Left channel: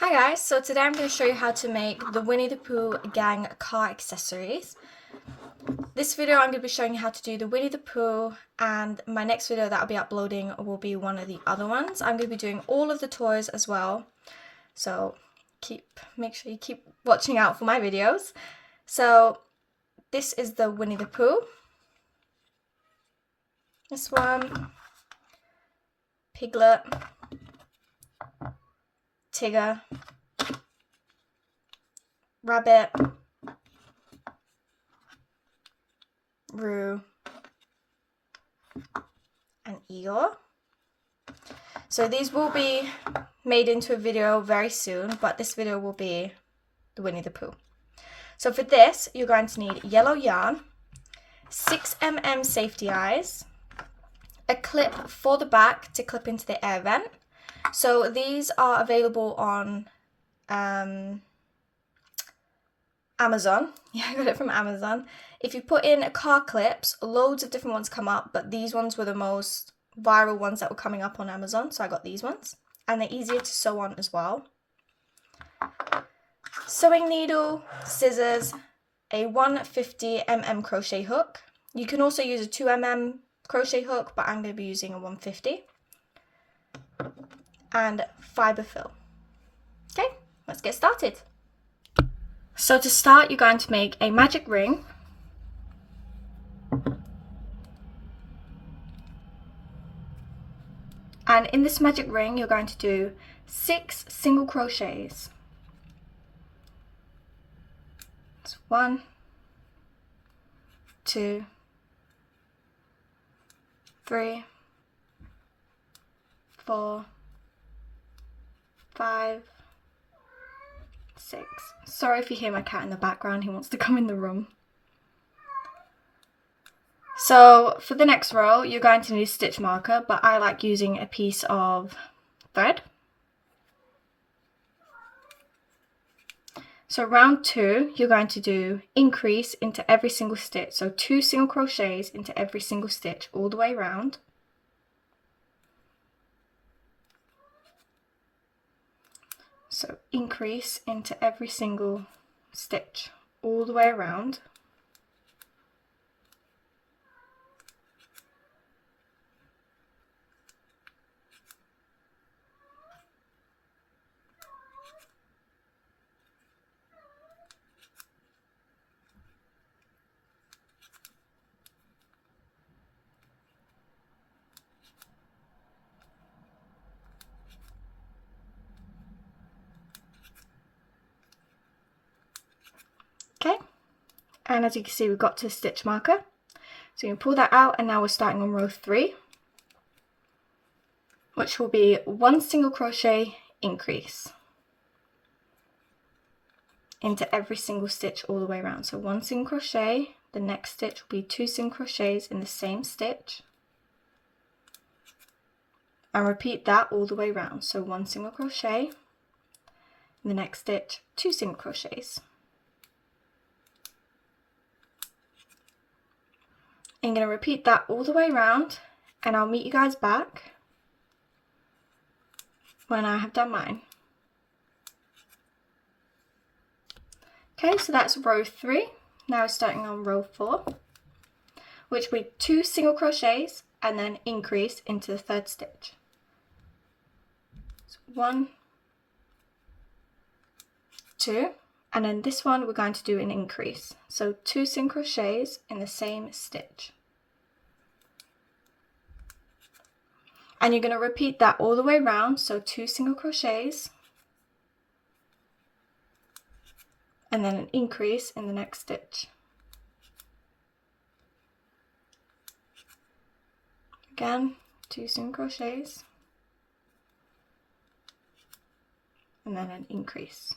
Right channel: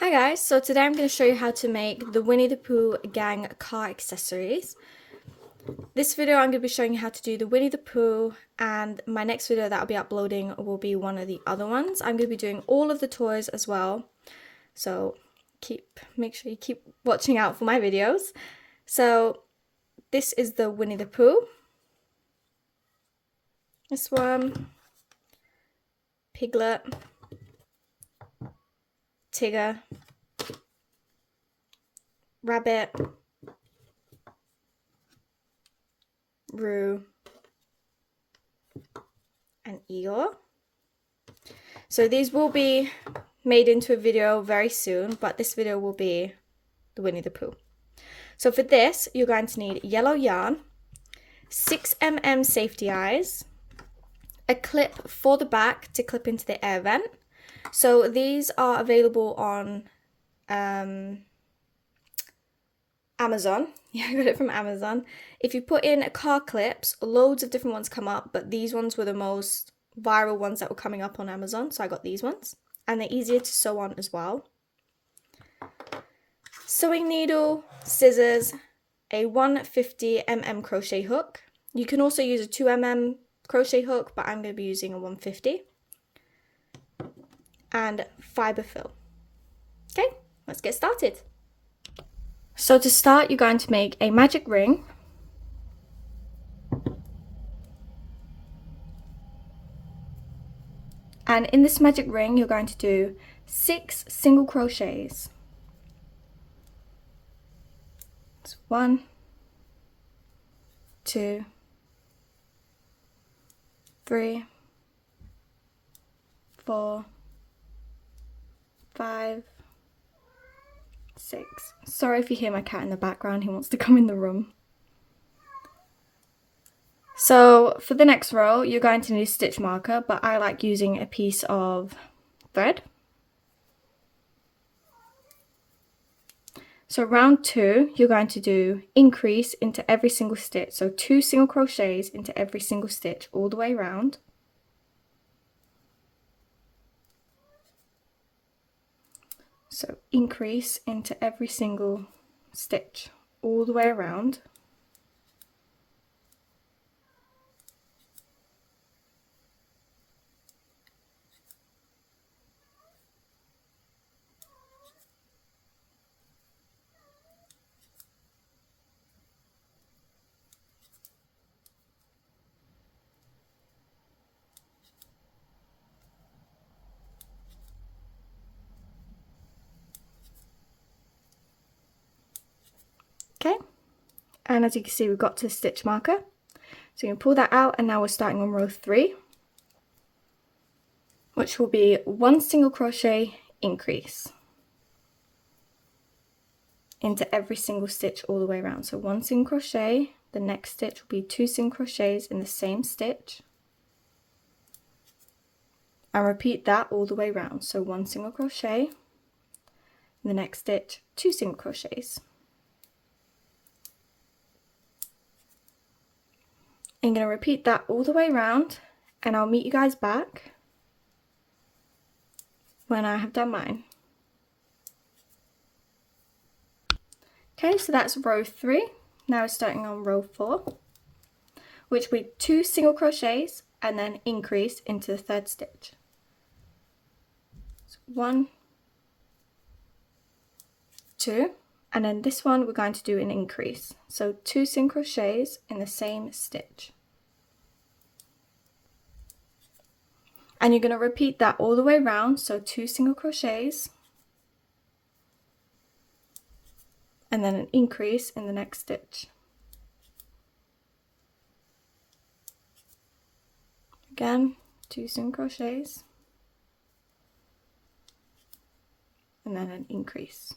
Hi guys, so today I'm going to show you how to make the Winnie the Pooh gang car accessories. This video I'm going to be showing you how to do the Winnie the Pooh, and my next video that I'll be uploading will be one of the other ones. I'm going to be doing all of the toys as well, so make sure you keep watching out for my videos. So this is the Winnie the Pooh. This one, Piglet, Tigger, Rabbit, Roo, and Eeyore. So these will be made into a video very soon, but this video will be the Winnie the Pooh. So for this, you're going to need yellow yarn, 6mm safety eyes, a clip for the back to clip into the air vent. So these are available on Amazon. Yeah, I got it from Amazon. If you put in car clips, loads of different ones come up, but these ones were the most viral ones that were coming up on Amazon, so I got these ones. And they're easier to sew on as well. Sewing needle, scissors, a 150mm crochet hook. You can also use a 2mm crochet hook, but I'm going to be using a 150. And fiber fill. Okay, let's get started. So to start, you're going to make a magic ring. And in this magic ring, you're going to do 6 single crochets. So 1, 2, 3, 4, 5, 6. Sorry if you hear my cat in the background, he wants to come in the room. So for the next row, you're going to need a stitch marker, but I like using a piece of thread. So round 2, you're going to do increase into every single stitch. So 2 single crochets into every single stitch all the way around. So increase into every single stitch all the way around. Okay, and as you can see, we've got to the stitch marker. So you can pull that out, and now we're starting on row 3, which will be 1 single crochet increase into every single stitch all the way around. So 1 single crochet, the next stitch will be 2 single crochets in the same stitch, and repeat that all the way around. So 1 single crochet, in the next stitch 2 single crochets. I'm going to repeat that all the way around, and I'll meet you guys back when I have done mine. Okay, so that's row 3. Now we're starting on row 4, which will be 2 single crochets and then increase into the 3rd stitch. So 1, 2, and then this one we're going to do an increase. So 2 single crochets in the same stitch. And you're going to repeat that all the way around, so 2 single crochets and then an increase in the next stitch. Again, 2 single crochets and then an increase.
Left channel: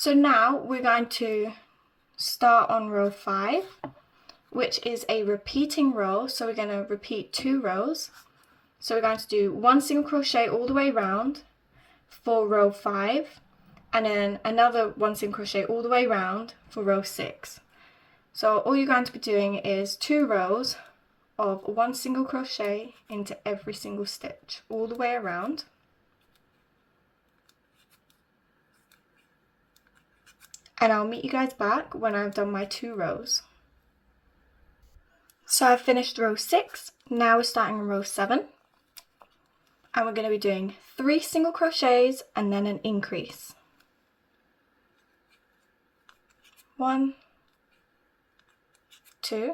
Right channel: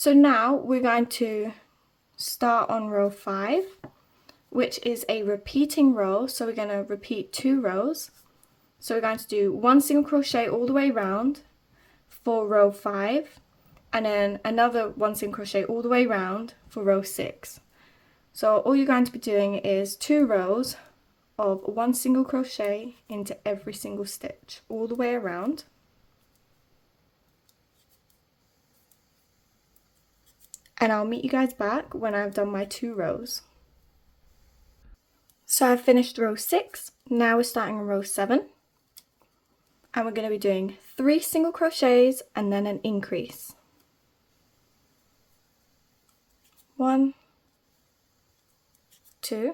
So now we're going to start on row 5, which is a repeating row. So we're going to repeat 2 rows. So we're going to do 1 single crochet all the way around for row 5, and then another 1 single crochet all the way around for row 6. So all you're going to be doing is 2 rows of 1 single crochet into every single stitch all the way around. And I'll meet you guys back when I've done my 2 rows. So I've finished row 6, now we're starting on row 7. And we're going to be doing 3 single crochets and then an increase. 1, 2,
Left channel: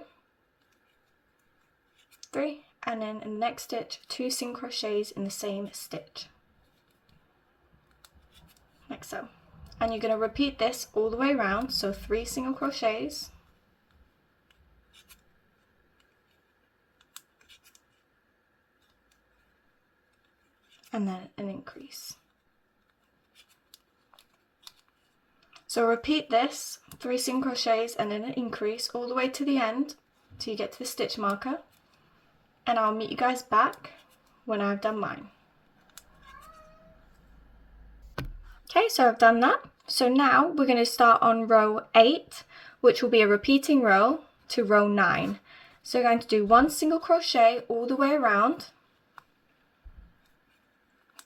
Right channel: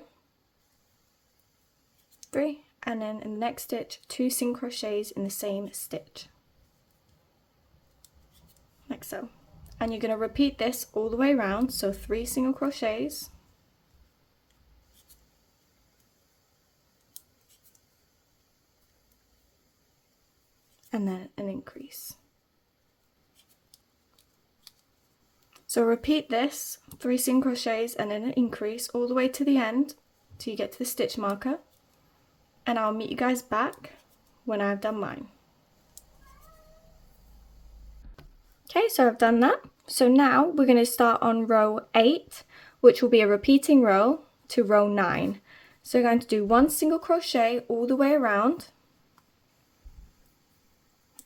3, and then in the next stitch 2 single crochets in the same stitch, like so. And you're going to repeat this all the way around, so 3 single crochets, and then an increase. So repeat this 3 single crochets and then an increase all the way to the end till you get to the stitch marker, and I'll meet you guys back when I've done mine. Okay, so I've done that. So now we're going to start on row 8, which will be a repeating row to row 9. So we're going to do 1 single crochet all the way around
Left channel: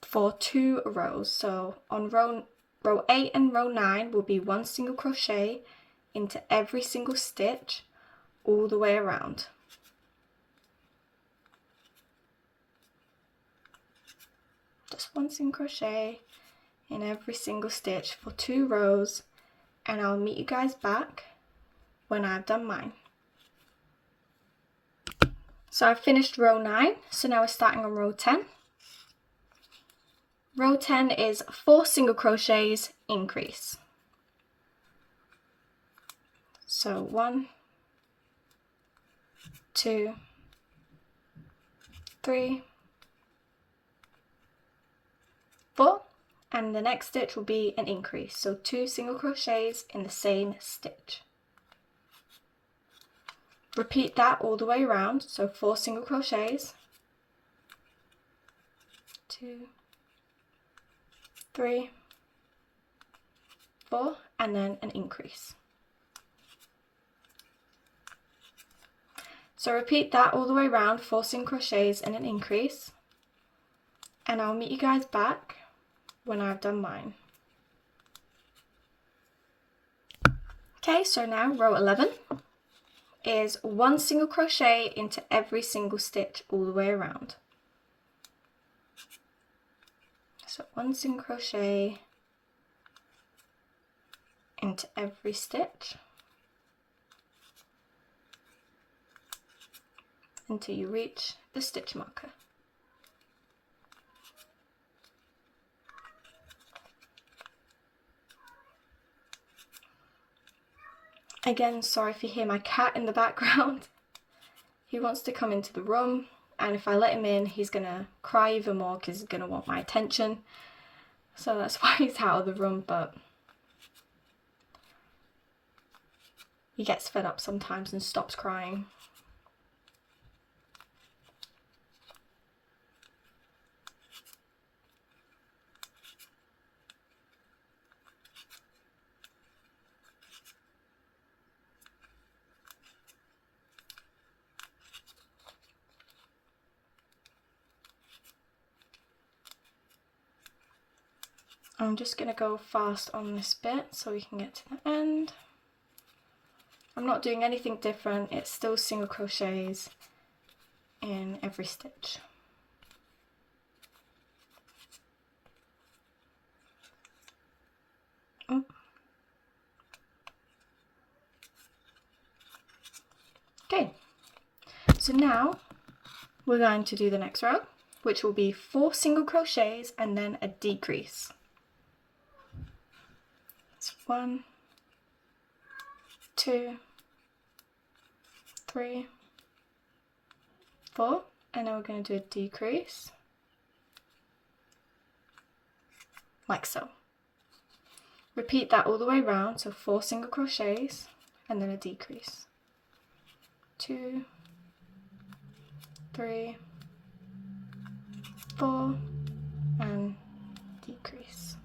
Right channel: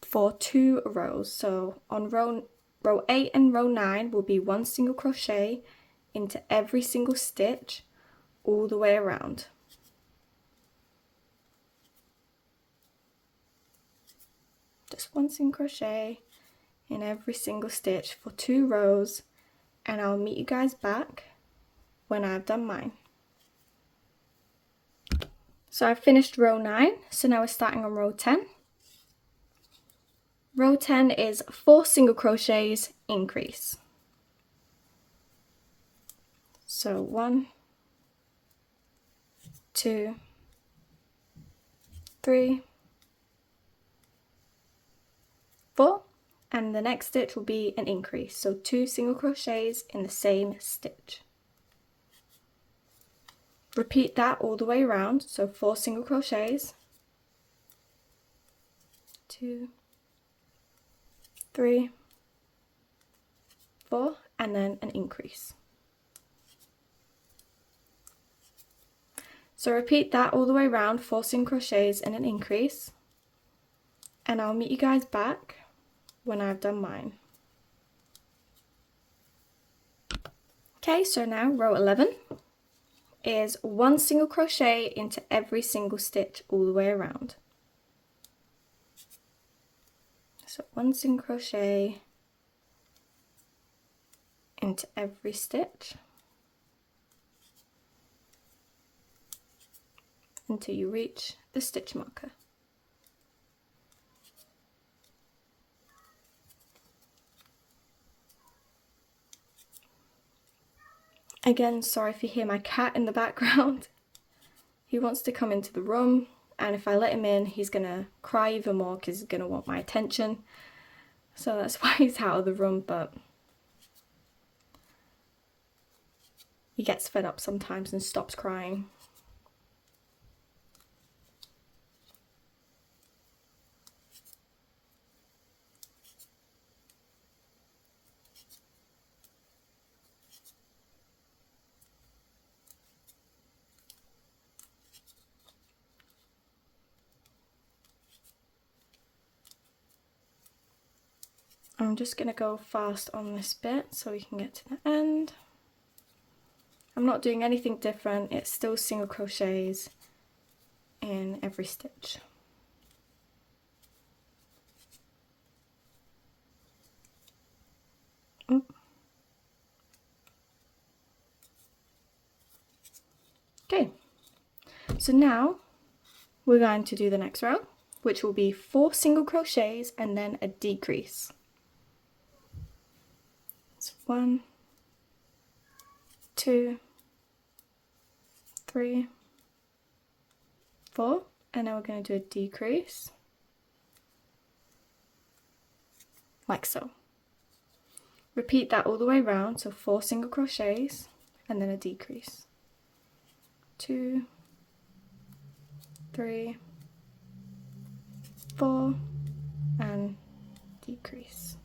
for 2 rows. So on row 8 and row 9 will be 1 single crochet into every single stitch all the way around. Just 1 single crochet in every single stitch for 2 rows, and I'll meet you guys back when I've done mine. So I've finished row 9, so now we're starting on row 10. Row 10 is 4 single crochets, increase. So 1, 2, 3, 4, and the next stitch will be an increase, so 2 single crochets in the same stitch. Repeat that all the way around, so 4 single crochets, 2, 3, 4, and then an increase. So repeat that all the way around, 4 single crochets and an increase, and I'll meet you guys back when I've done mine. Okay, so now row 11 is 1 single crochet into every single stitch all the way around. So 1 single crochet into every stitch until you reach the stitch marker. Again, sorry if you hear my cat in the background. He wants to come into the room, and if I let him in, he's gonna cry even more because he's gonna want my attention. So that's why he's out of the room, but he gets fed up sometimes and stops crying. I'm just going to go fast on this bit so we can get to the end. I'm not doing anything different, it's still single crochets in every stitch. Okay, so now we're going to do the next row, which will be 4 single crochets and then a decrease. It's 1, 2, 3, 4, and now we're going to do a decrease, like so. Repeat that all the way around, so 4 single crochets and then a decrease. 2, 3, 4, and decrease.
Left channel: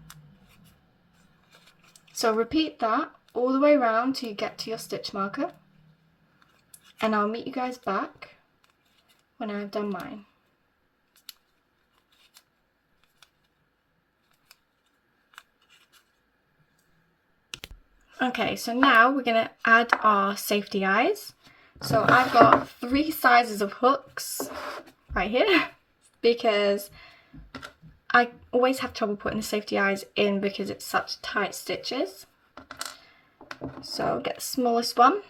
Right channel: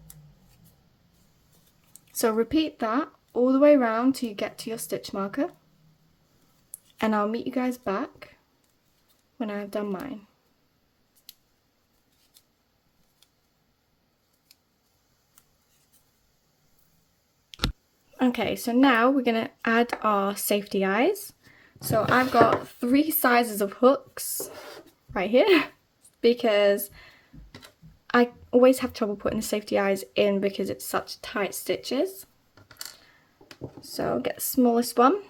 So repeat that all the way around till you get to your stitch marker, and I'll meet you guys back when I've done mine. Okay, so now we're going to add our safety eyes. So I've got 3 sizes of hooks right here because I always have trouble putting the safety eyes in because it's such tight stitches. So get the smallest one,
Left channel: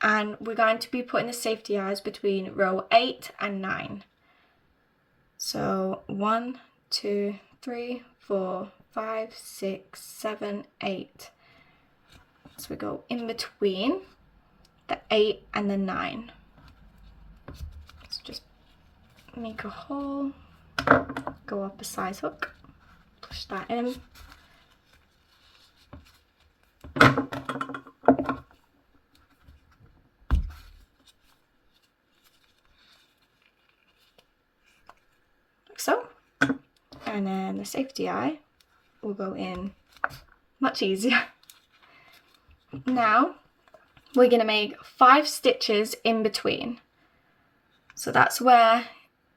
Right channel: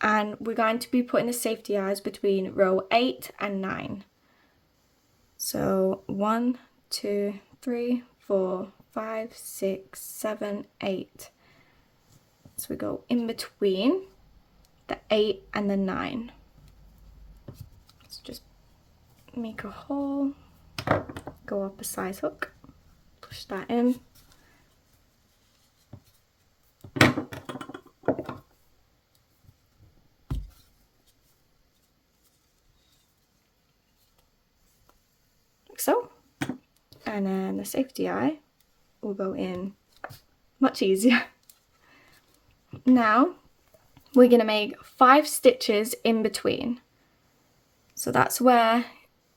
and we're going to be putting the safety eyes between row 8 and 9. So 1, 2, 3, 4, 5, 6, 7, 8. So we go in between the 8 and the 9. So just make a hole, go up a size hook, push that in. Like so. And then the safety eye will go in much easier. Now we're going to make 5 stitches in between. So that's where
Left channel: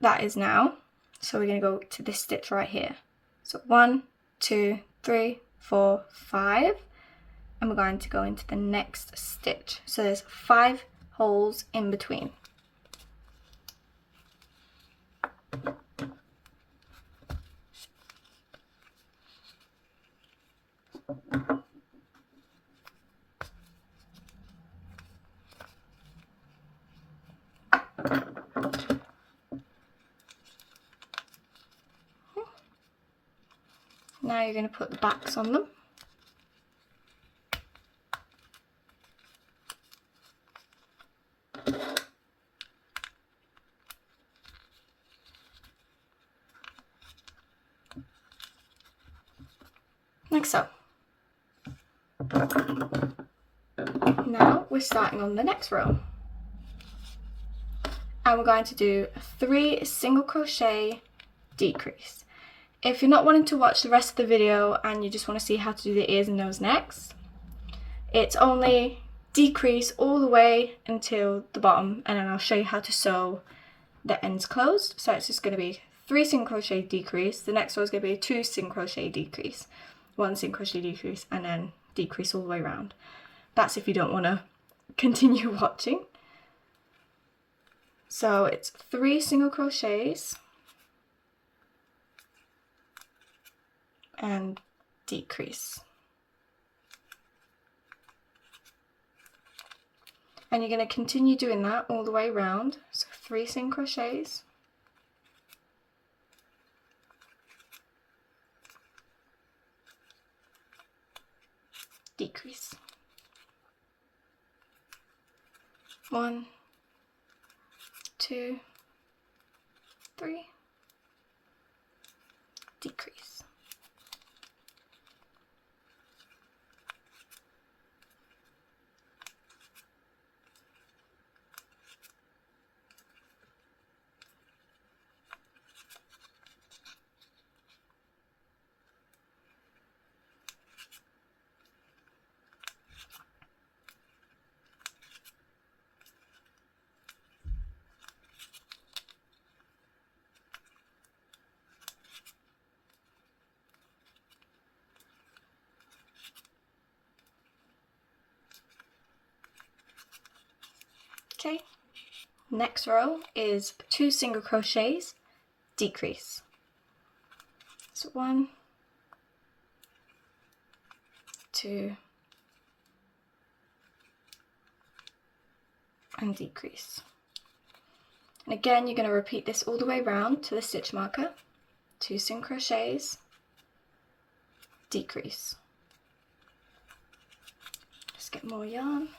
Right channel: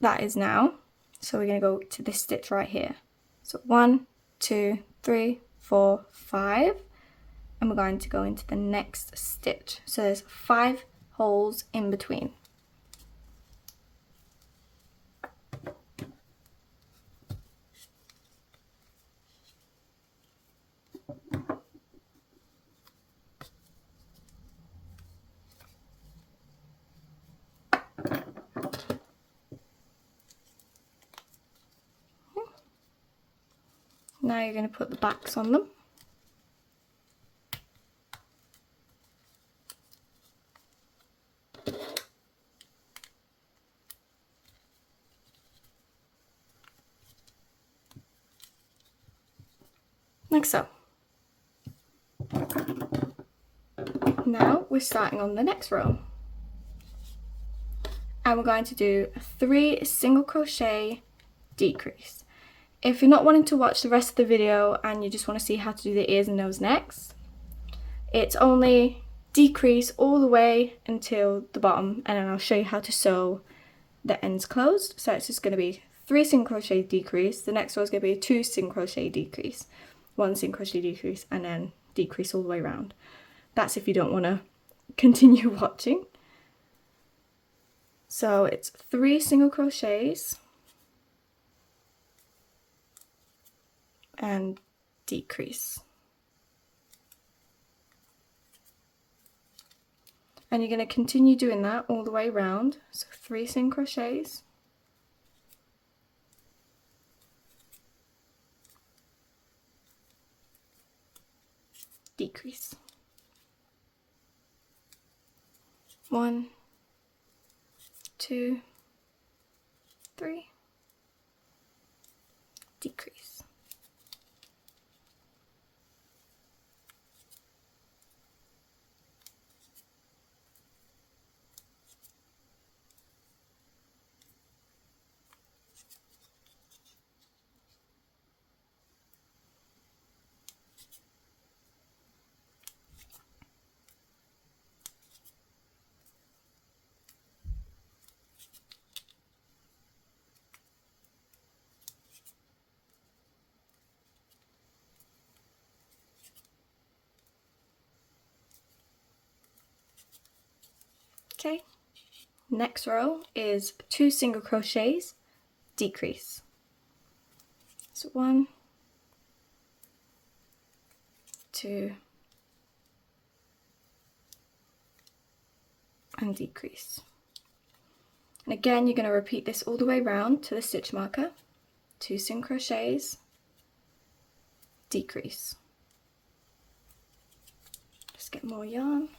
that is now. So we're going to go to this stitch right here. So 1, 2, 3, 4, 5. And we're going to go into the next stitch. So there's 5 holes in between. Now you're going to put the backs on them. Like so. Now we're starting on the next row. And we're going to do 3 single crochet decrease. If you're not wanting to watch the rest of the video and you just want to see how to do the ears and nose next, it's only decrease all the way until the bottom, and then I'll show you how to sew the ends closed. So it's just going to be 3 single crochet decrease, the next row is going to be a 2 single crochet decrease, 1 single crochet decrease, and then decrease all the way around. That's if you don't want to continue watching. So it's 3 single crochets and decrease. And you're going to continue doing that all the way around. So 3 single crochets, decrease. 1, 2, 3, decrease. Okay, next row is 2 single crochets, decrease. So 1, 2, and decrease. And again, you're going to repeat this all the way around to the stitch marker. 2 single crochets, decrease. Just get more yarn.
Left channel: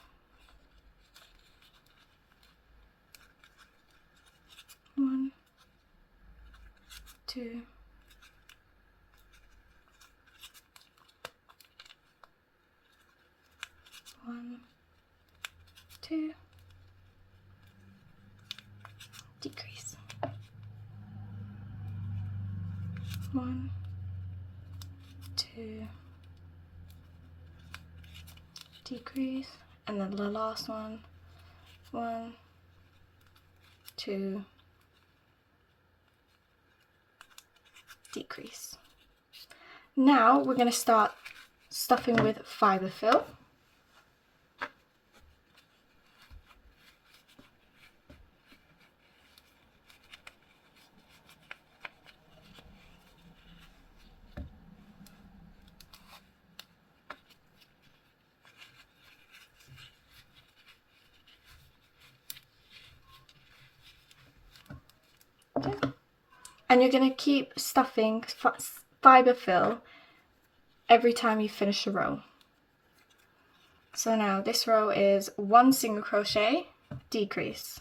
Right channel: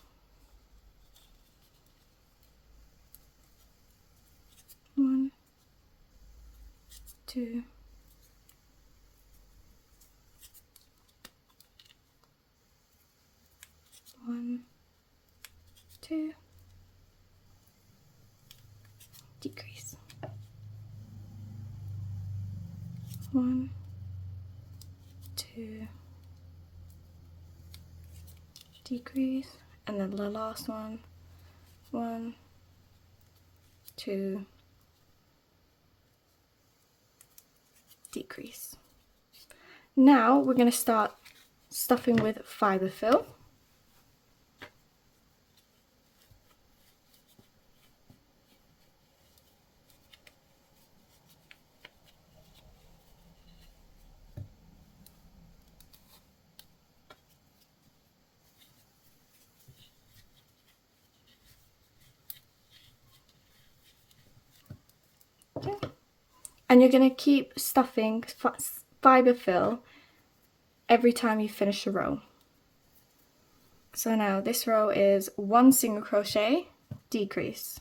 1, 2, 2, decrease, 1, 2, decrease, and then the last one, 1, 2, decrease. Now we're going to start stuffing with fibre fill. Okay. And you're going to keep stuffing fibre fill every time you finish a row. So now this row is 1 single crochet, decrease,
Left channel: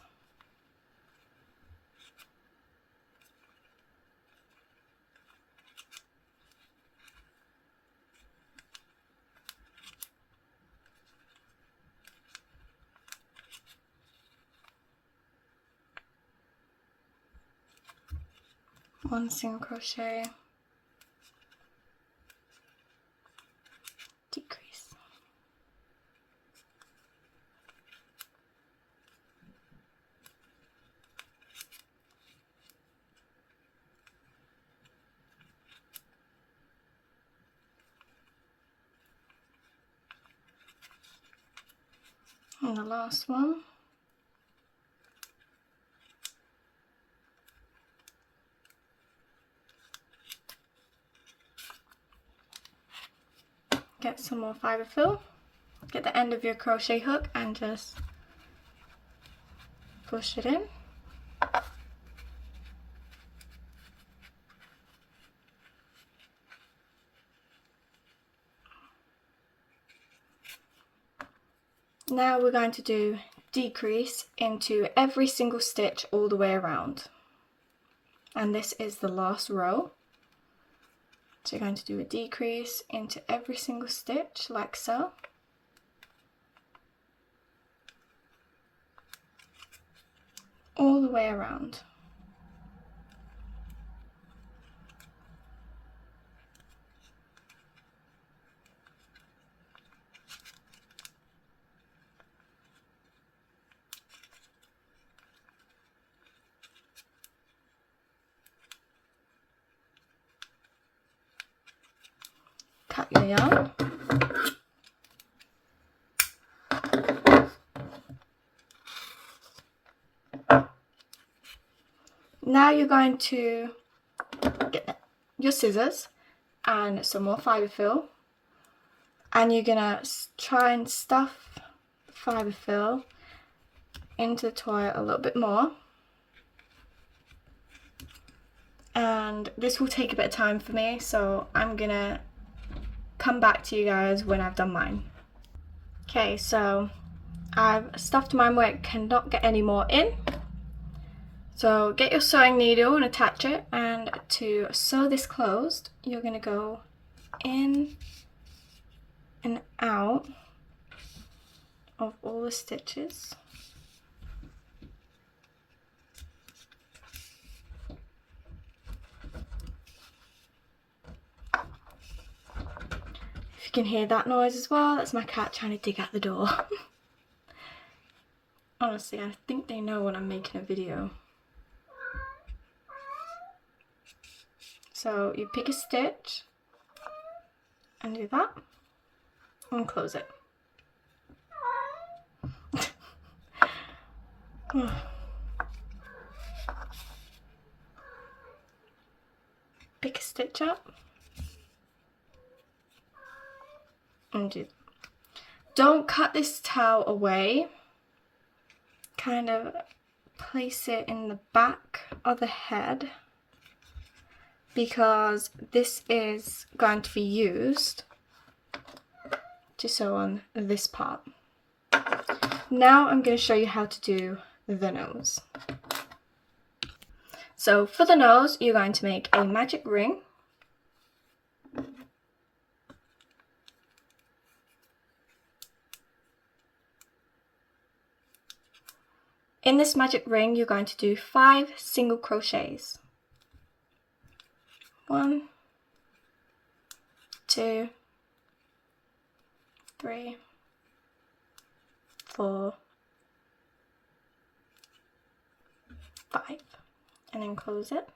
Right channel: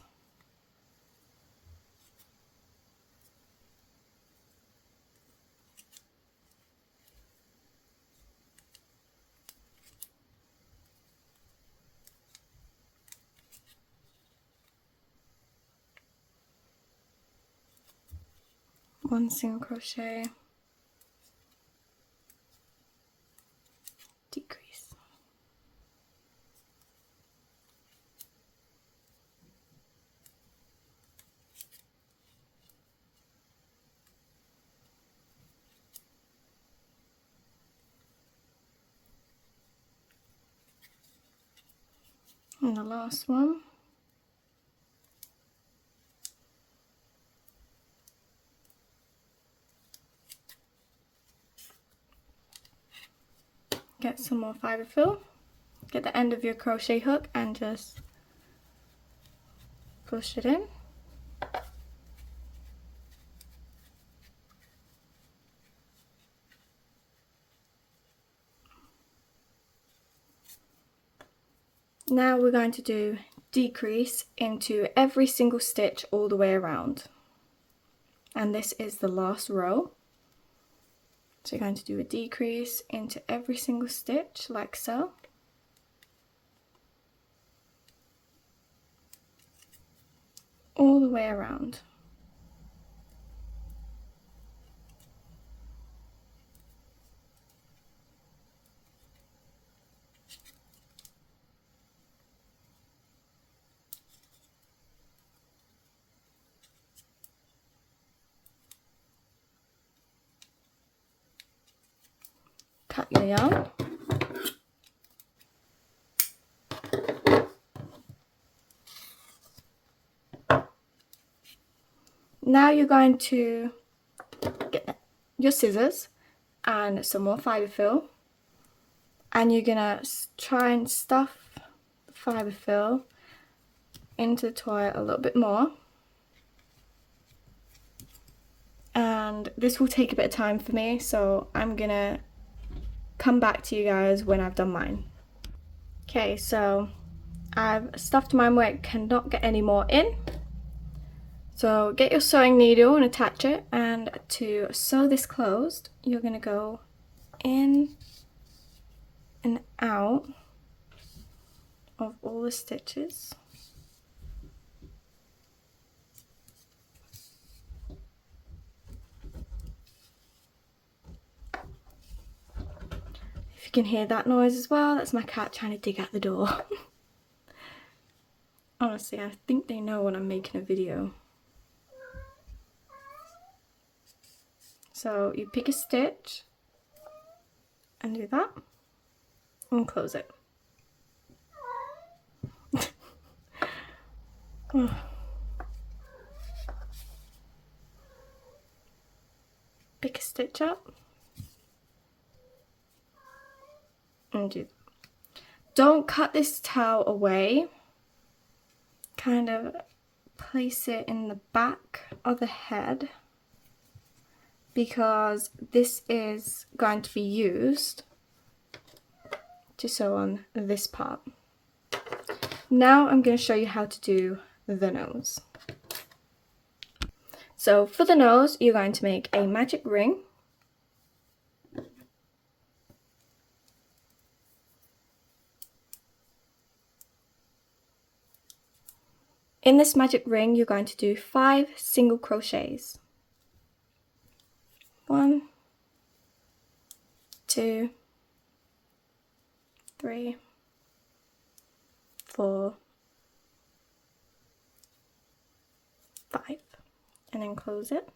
1 single crochet, decrease. And the last one. Get some more fibre fill. Get the end of your crochet hook and just push it in. Now we're going to do decrease into every single stitch all the way around. And this is the last row. So you're going to do a decrease into every single stitch like so. All the way around. Cut your yarn. Now you're going to get your scissors and some more fibre fill, and you're gonna try and stuff the fibre fill into the toy a little bit more. And this will take a bit of time for me, so I'm gonna come back to you guys when I've done mine. Okay, so I've stuffed mine where it cannot get any more in. So get your sewing needle and attach it, and to sew this closed, you're going to go in and out of all the stitches. If you can hear that noise as well, that's my cat trying to dig out the door. Honestly, I think they know when I'm making a video. So you pick a stitch and do that and close it. Pick a stitch up and do. Don't cut this towel away. Kind of place it in the back of the head, because this is going to be used to sew on this part. Now I'm going to show you how to do the nose. So for the nose, you're going to make a magic ring. In this magic ring, you're going to do 5 single crochets. 1, 2, 3, 4, 5, and then close it.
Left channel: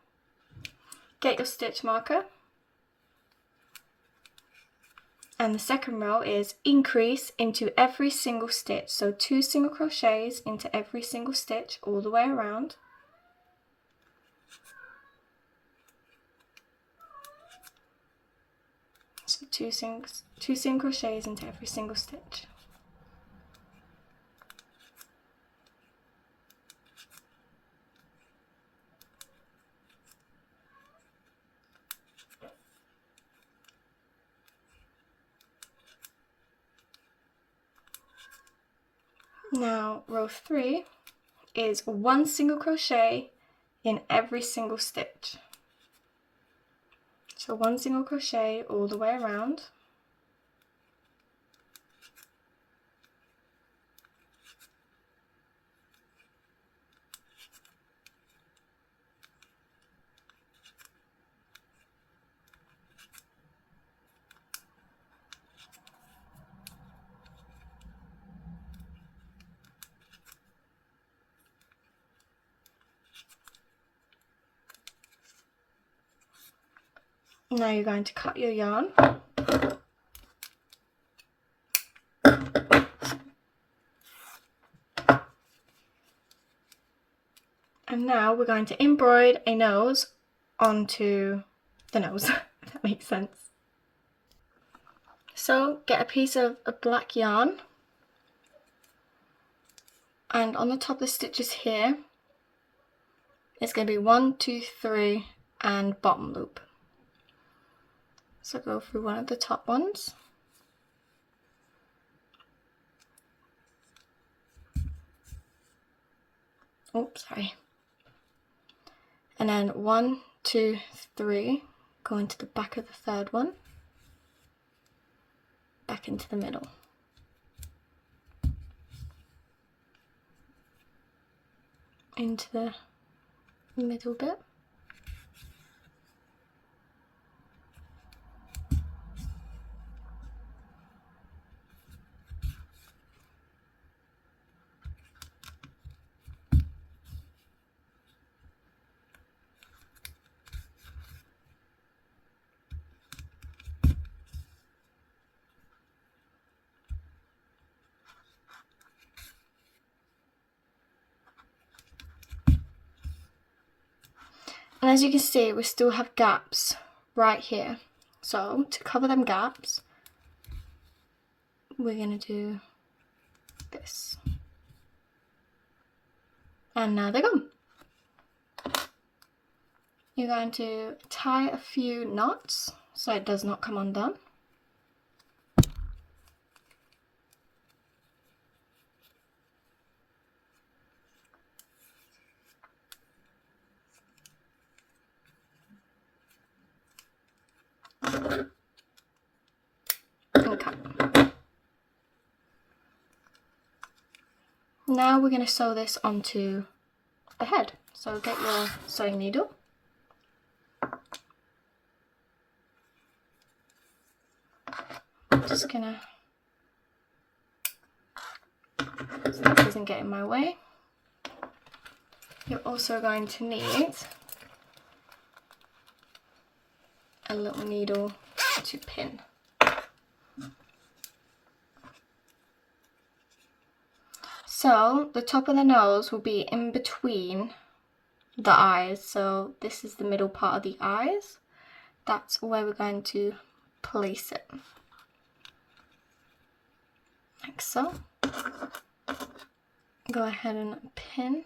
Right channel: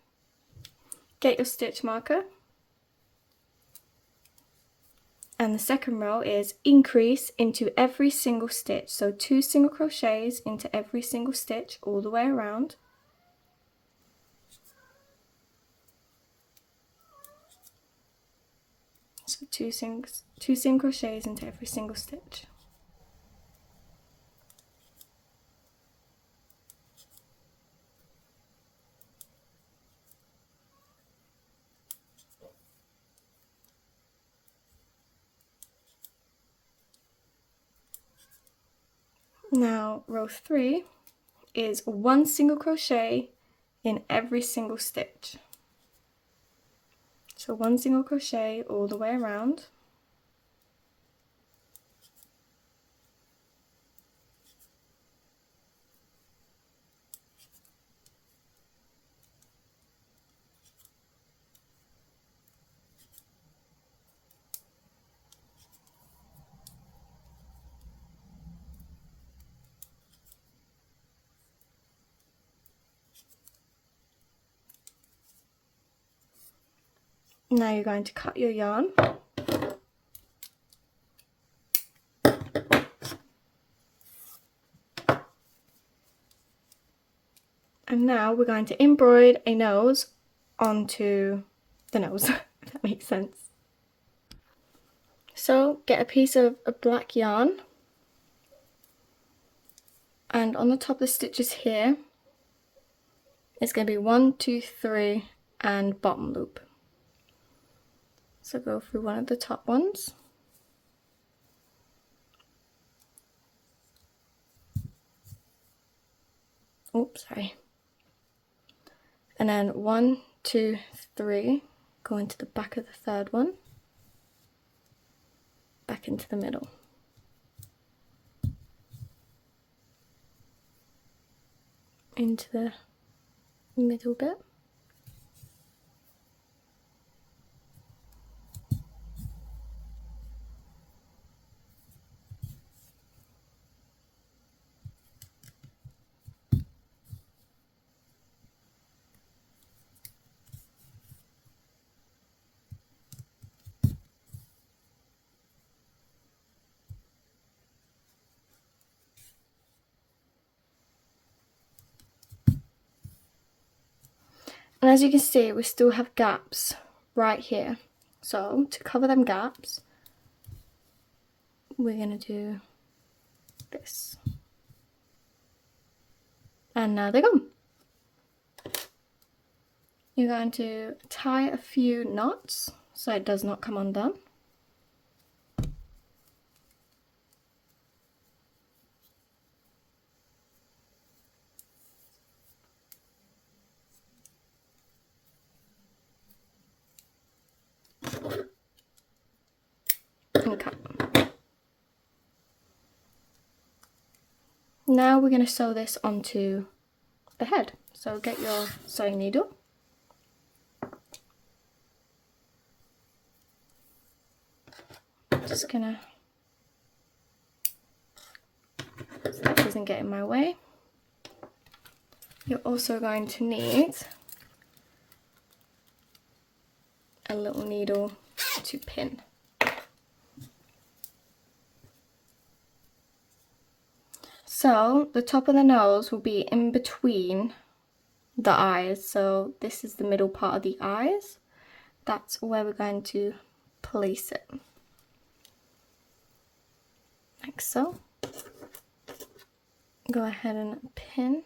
Get your stitch marker, and the second row is increase into every single stitch, so 2 single crochets into every single stitch all the way around. So 2 single crochets into every single stitch. Now row 3 is 1 single crochet in every single stitch. So 1 single crochet all the way around. Now you're going to cut your yarn. And now we're going to embroider a nose onto the nose, if that makes sense. So get a piece of a black yarn, and on the top of the stitches here, it's going to be 1, 2, 3 and bottom loop. So go through one of the top ones. Oops, sorry. And then 1, 2, 3, go into the back of the third one, back into the middle. Into the middle bit. And as you can see, we still have gaps right here. So to cover them gaps, we're going to do this. And now they're gone. You're going to tie a few knots so it does not come undone. Okay. Now we're going to sew this onto the head. So get your sewing needle. I'm just going to, so that doesn't get in my way. You're also going to need a little needle to pin. So the top of the nose will be in between the eyes. So this is the middle part of the eyes. That's where we're going to place it. Like so. Go ahead and pin.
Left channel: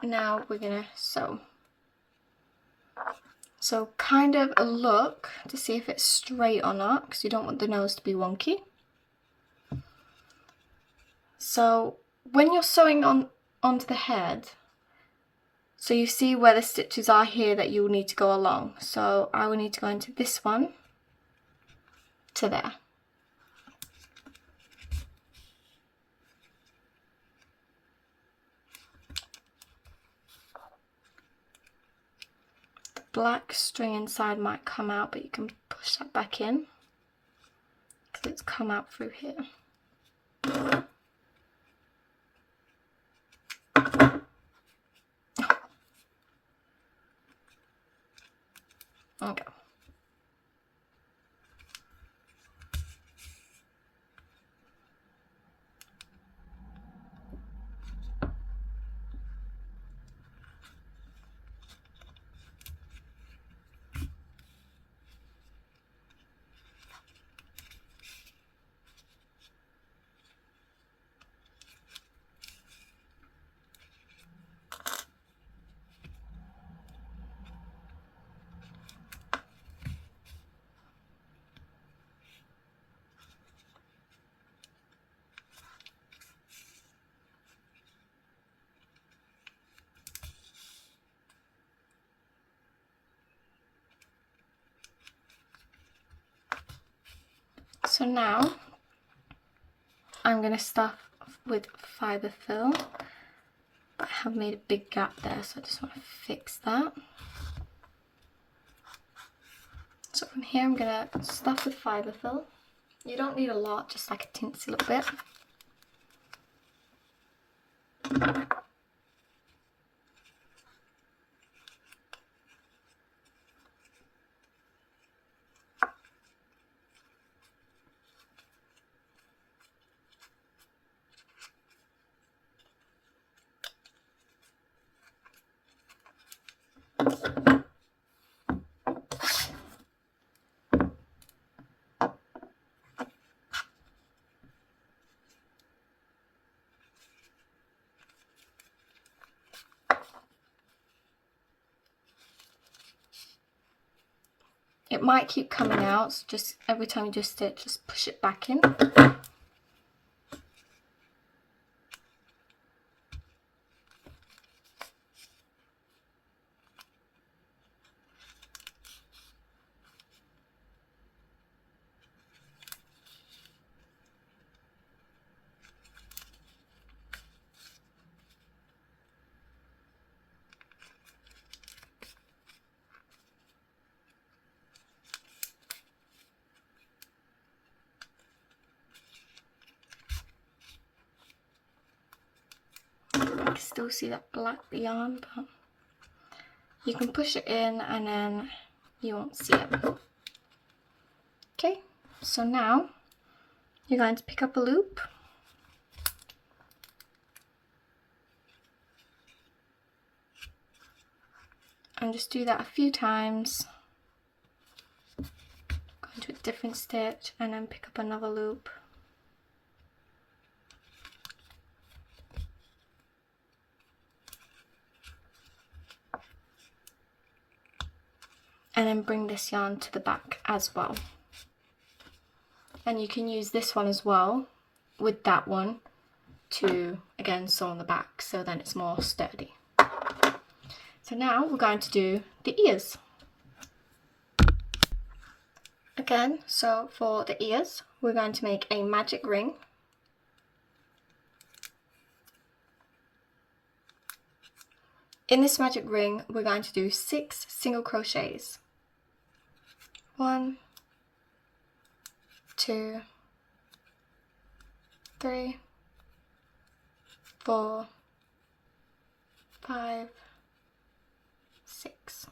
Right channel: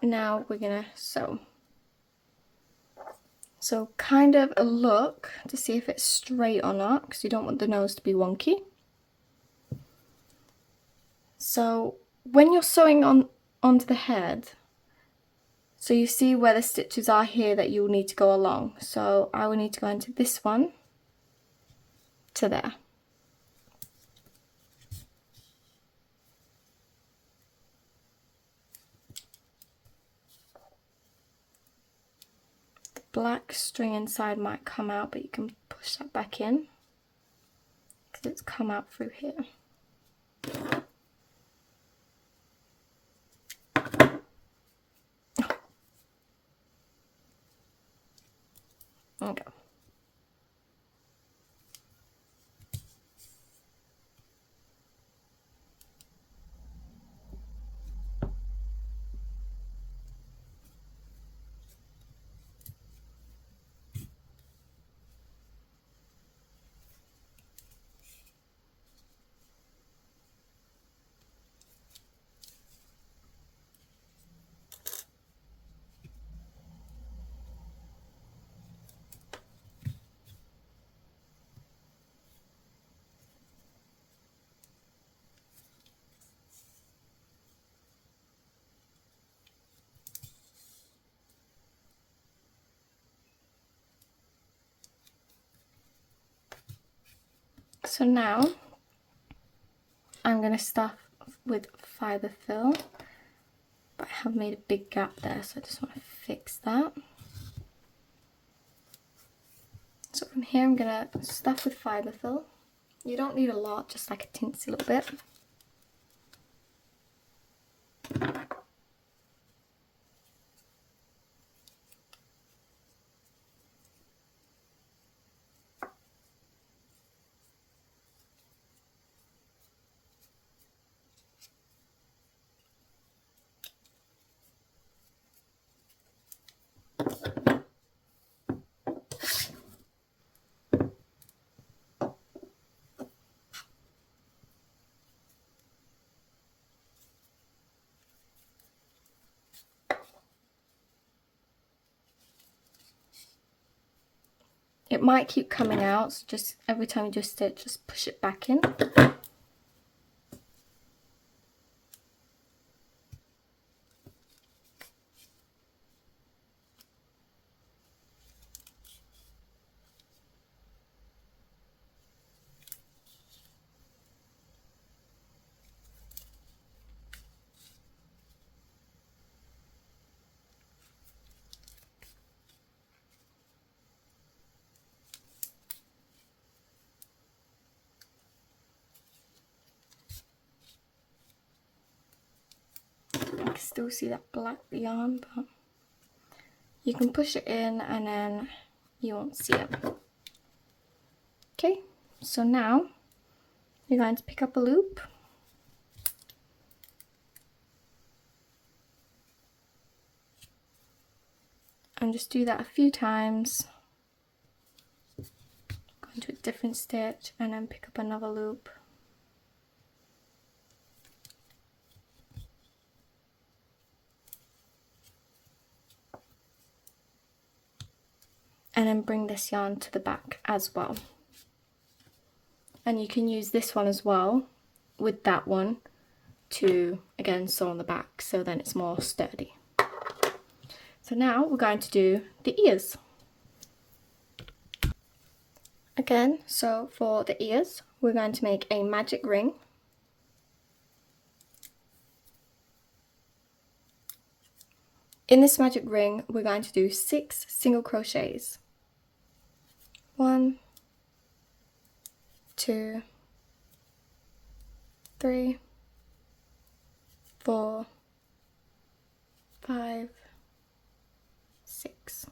Now we're gonna sew. So kind of a look to see if it's straight or not, because you don't want the nose to be wonky. So when you're sewing onto the head, so you see where the stitches are here that you'll need to go along. So I will need to go into this one to there. black string inside might come out, but you can push that back in because it's come out through here. Okay. So now I'm going to stuff with fibre fill, but I have made a big gap there, so I just want to fix that. So from here I'm going to stuff with fibre fill. You don't need a lot, just like a teensy little bit. It might keep coming out, so just every time you do stitch, just push it back in. Still see that black yarn, but you can push it in and then you won't see it. Okay, so now you're going to pick up a loop and just do that a few times. Go into a different stitch and then pick up another loop. And then bring this yarn to the back as well. And you can use this one as well with that one to again sew on the back, so then it's more sturdy. So now we're going to do the ears. Again, so for the ears, we're going to make a magic ring. In this magic ring, we're going to do 6 single crochets. 1, 2, 3, 4, 5, 6.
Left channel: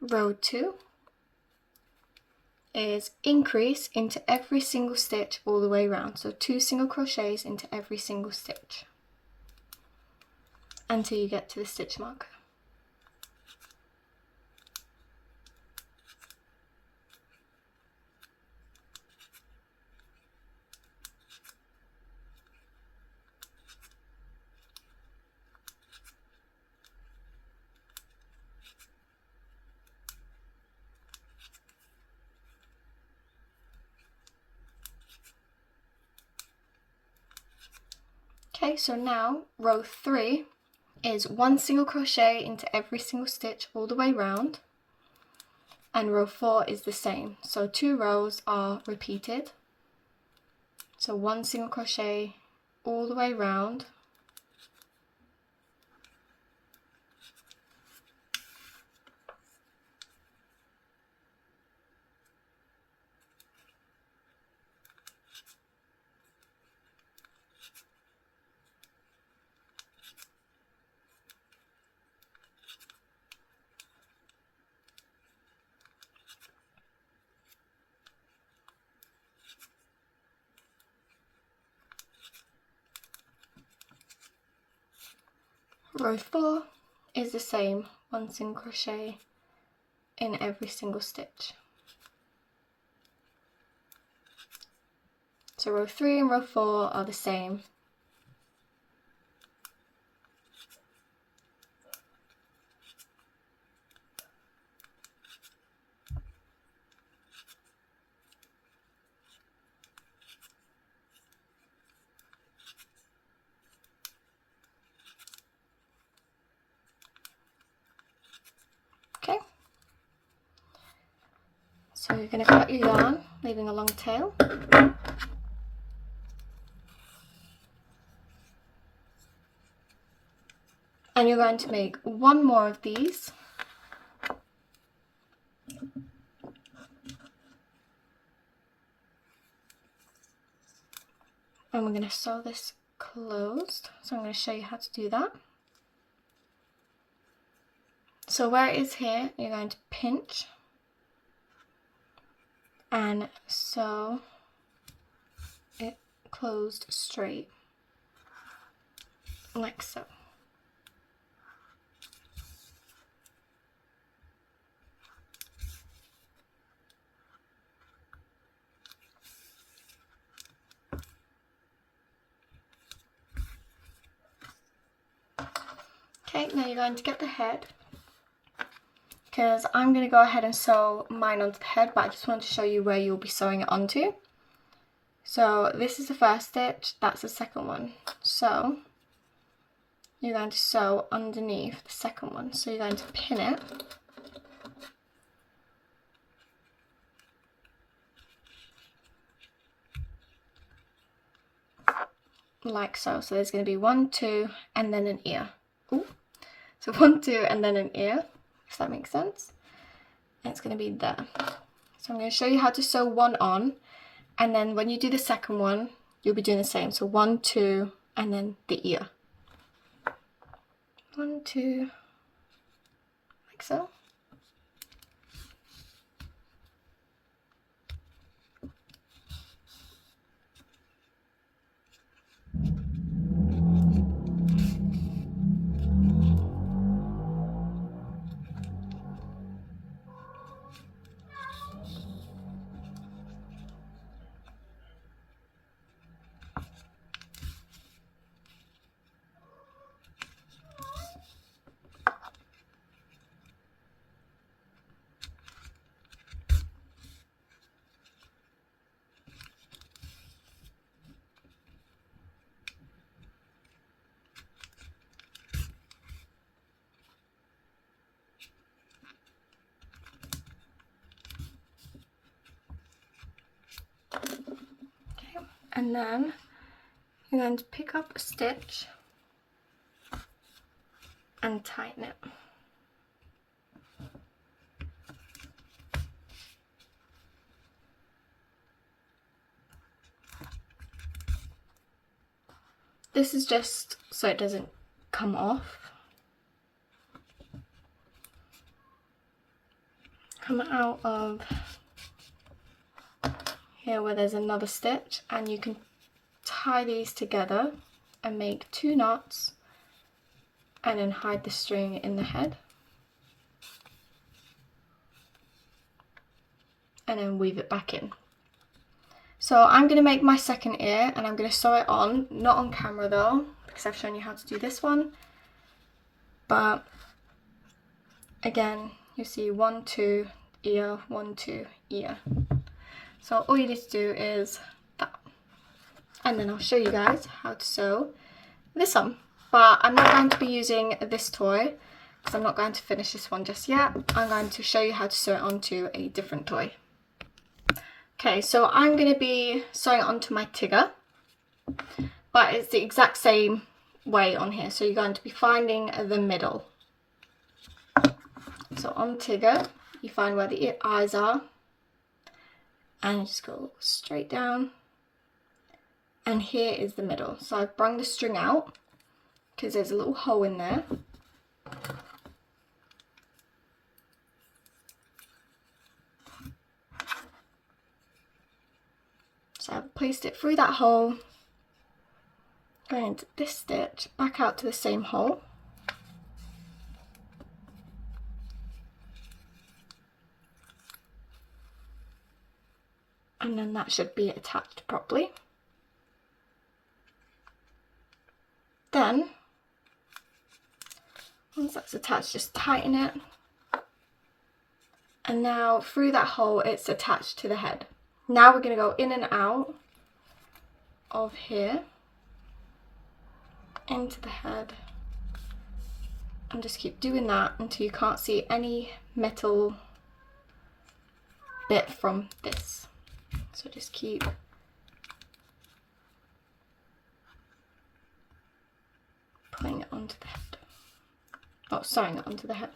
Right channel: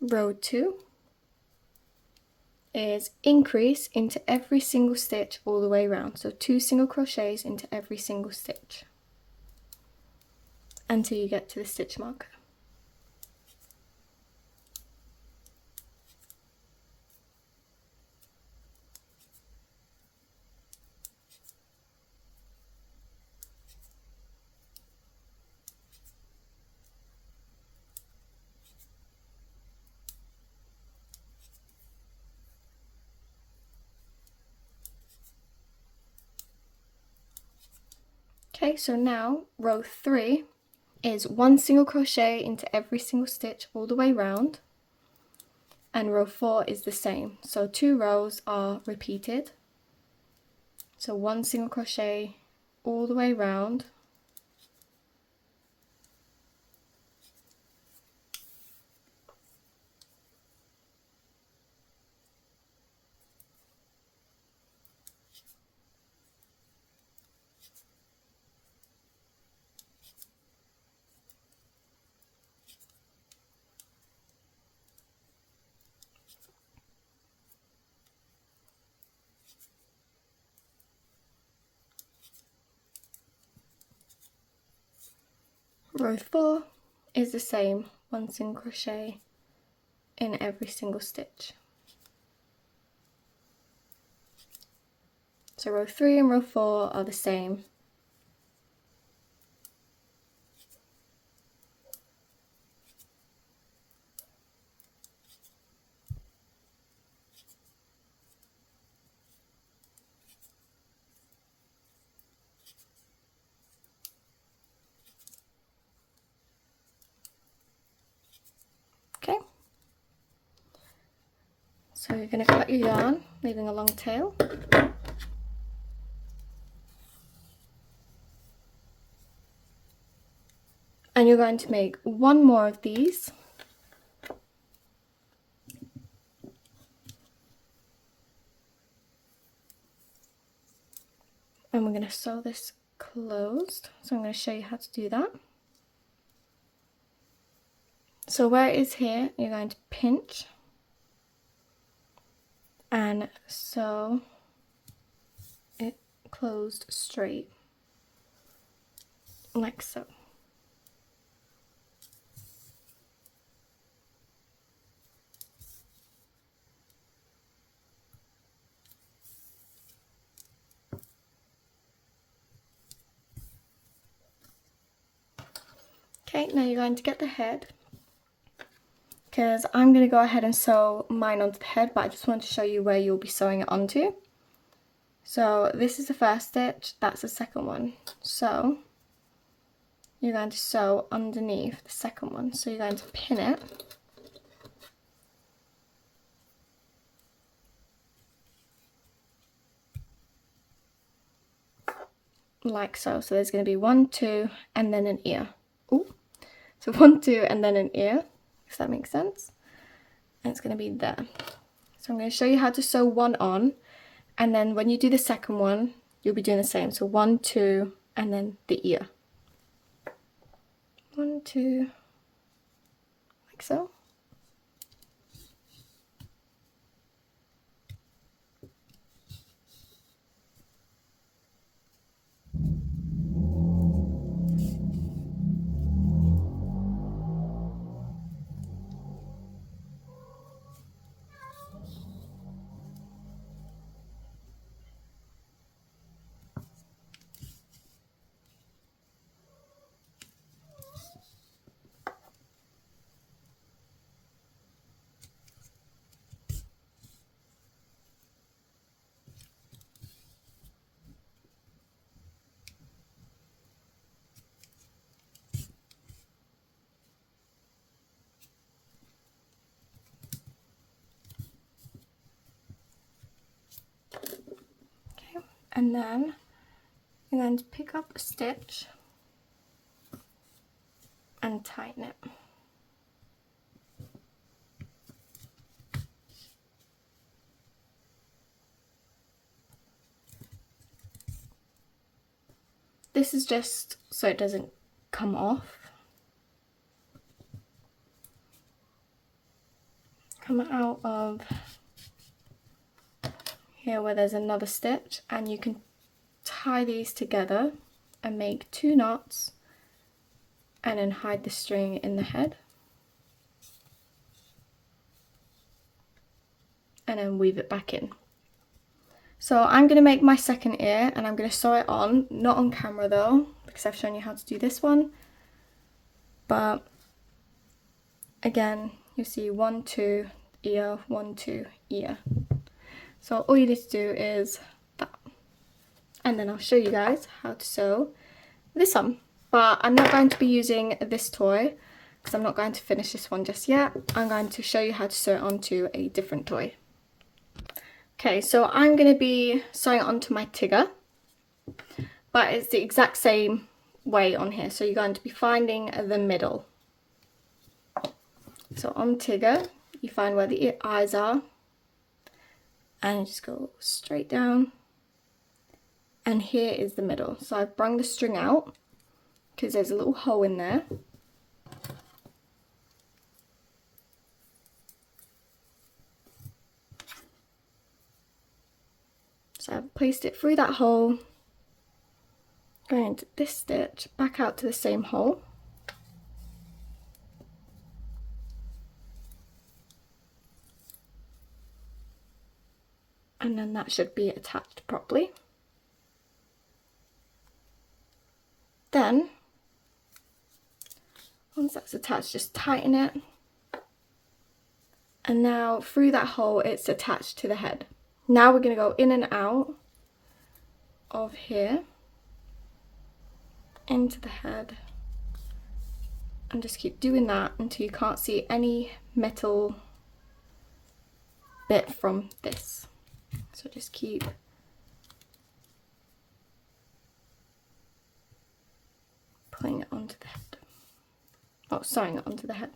Row 2 is increase into every single stitch all the way around. So 2 single crochets into every single stitch until you get to the stitch marker. Okay, so now row 3 is 1 single crochet into every single stitch all the way round, and row 4 is the same, so 2 rows are repeated. So 1 single crochet all the way round, Row 4 is the same, 1 single crochet in every single stitch. So row 3 and row 4 are the same. Okay. So you're going to cut your yarn, leaving a long tail. And you're going to make one more of these. And we're going to sew this closed. So I'm going to show you how to do that. So where it is here, you're going to pinch and sew it closed straight, like so. Okay, now you're going to get the head, because I'm going to go ahead and sew mine onto the head, but I just want to show you where you'll be sewing it onto. So this is the first stitch, that's the second one. So you're going to sew underneath the second one. So you're going to pin it. Like so. So there's going to be 1, 2, and then an ear. Ooh. So 1, 2, and then an ear, if that makes sense. And it's going to be there. So I'm going to show you how to sew one on, and then when you do the second one, you'll be doing the same. So 1, 2, and then the ear. 1, 2, like so. And then you're going to pick up a stitch and tighten it. This is just so it doesn't come off. Come out of here where there's another stitch, and you can tie these together and make 2 knots and then hide the string in the head and then weave it back in. So I'm going to make my second ear and I'm going to sew it on, not on camera though, because I've shown you how to do this one, but again you see 1, 2, ear, 1, 2, ear. So all you need to do is that, and then I'll show you guys how to sew this on. But I'm not going to be using this toy because I'm not going to finish this one just yet. I'm going to show you how to sew it onto a different toy. Okay, so I'm going to be sewing it onto my Tigger, but it's the exact same way on here. So you're going to be finding the middle. So on Tigger, you find where the eyes are, and you just go straight down, and here is the middle. So I've brung the string out because there's a little hole in there. So I've placed it through that hole, going into this stitch, back out to the same hole, And then that should be attached properly. Then, once that's attached, just tighten it. And now through that hole, it's attached to the head. Now we're going to go in and out of here, into the head, and just keep doing that until you can't see any metal bit from this. So just keep pulling it onto the head. Oh, sewing it onto the head.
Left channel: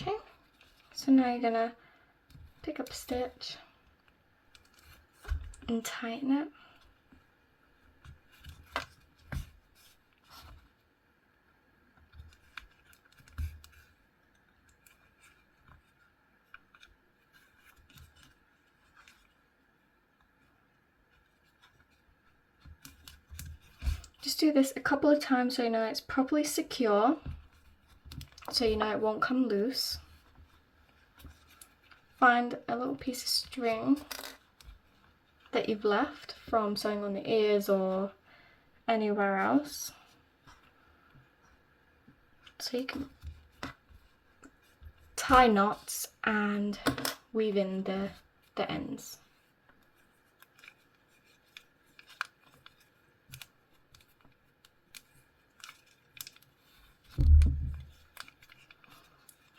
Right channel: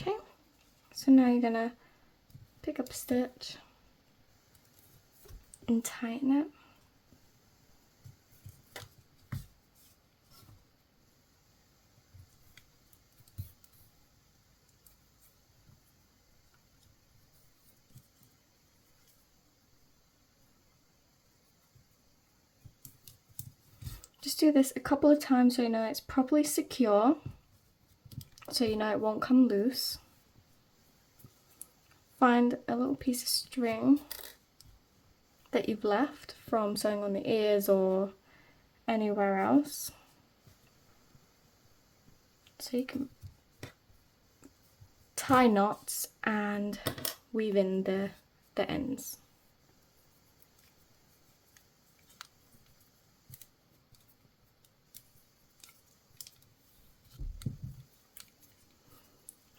Okay, so now you're gonna pick up a stitch and tighten it. Just do this a couple of times so you know it's properly secure, so you know it won't come loose. Find a little piece of string that you've left from sewing on the ears or anywhere else, so you can tie knots and weave in the ends.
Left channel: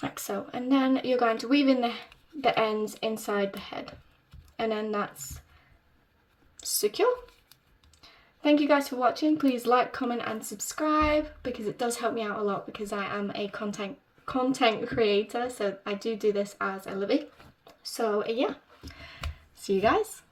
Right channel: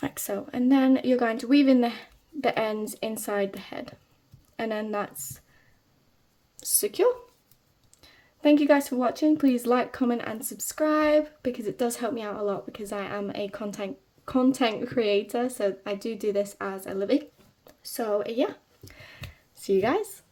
Like so, and then you're going to weave in the ends inside the head, and then that's secure. Thank you guys for watching. Please like, comment and subscribe because it does help me out a lot, because I am a content creator, so I do this as a living. So yeah, see you guys.